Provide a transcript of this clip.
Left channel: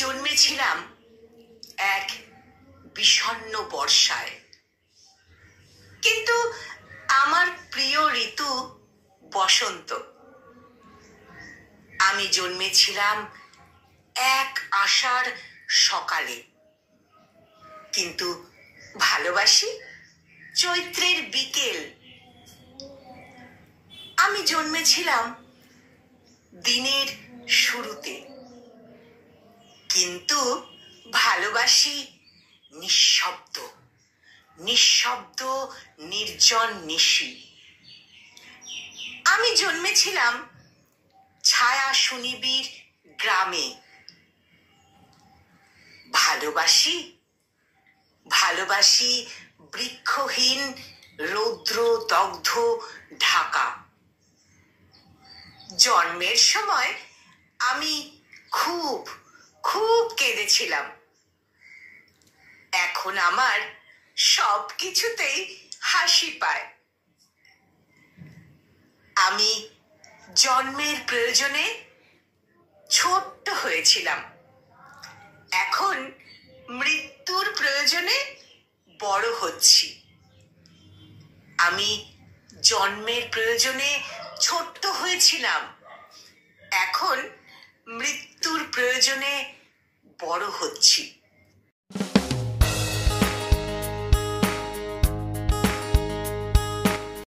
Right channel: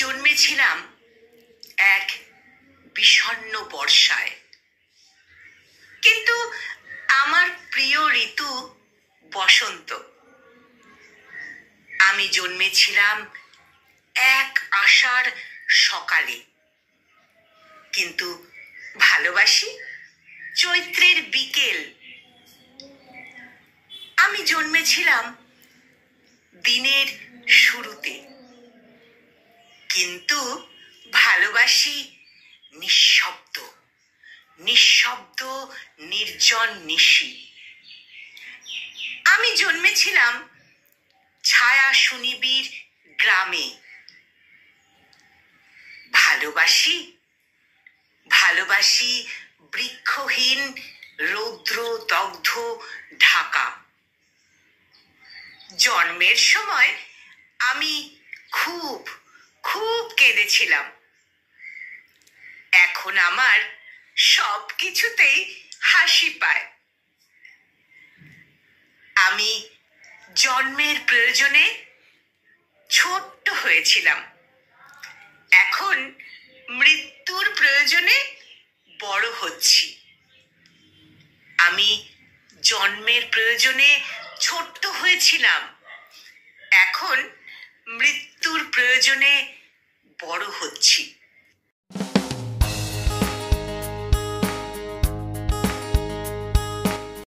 জন্মেছিলাম এক বিষণ্ণ বর্ষায়, কিন্তু আমার প্রিয় ঋতু বসন্ত। আমি জন্মেছিলাম এক আষাঢ় সকালে, কিন্তু ভালোবাসি চৈত্রের বিকেল। আমি জন্মেছিলাম দিনের শুরুতে, কিন্তু ভালোবাসি নিঃশব্দ নিঃশব্দ নির্জন নিশি। আমি জন্মেছিলাম ছায়া সুনিবিড় গ্রামে। ভালোবাসি ভালোবাসি বৃক্ষহীন রৌদ্র দগ্ধ ঢাকা। জন্মের সময় আমি খুব খুব কেঁদেছিলাম। এখন আমার সব কিছুতেই হাসি পায়। আমি জন্মের প্রয়োজনে ছোট্ট হয়েছিলাম, এখন মৃত্যুর প্রয়োজনে বড় হচ্ছি। আমি জন্মের প্রয়োজনে ছোট্ট হয়েছিলাম, এখন মৃত্যুর প্রয়োজনে বড় হচ্ছি।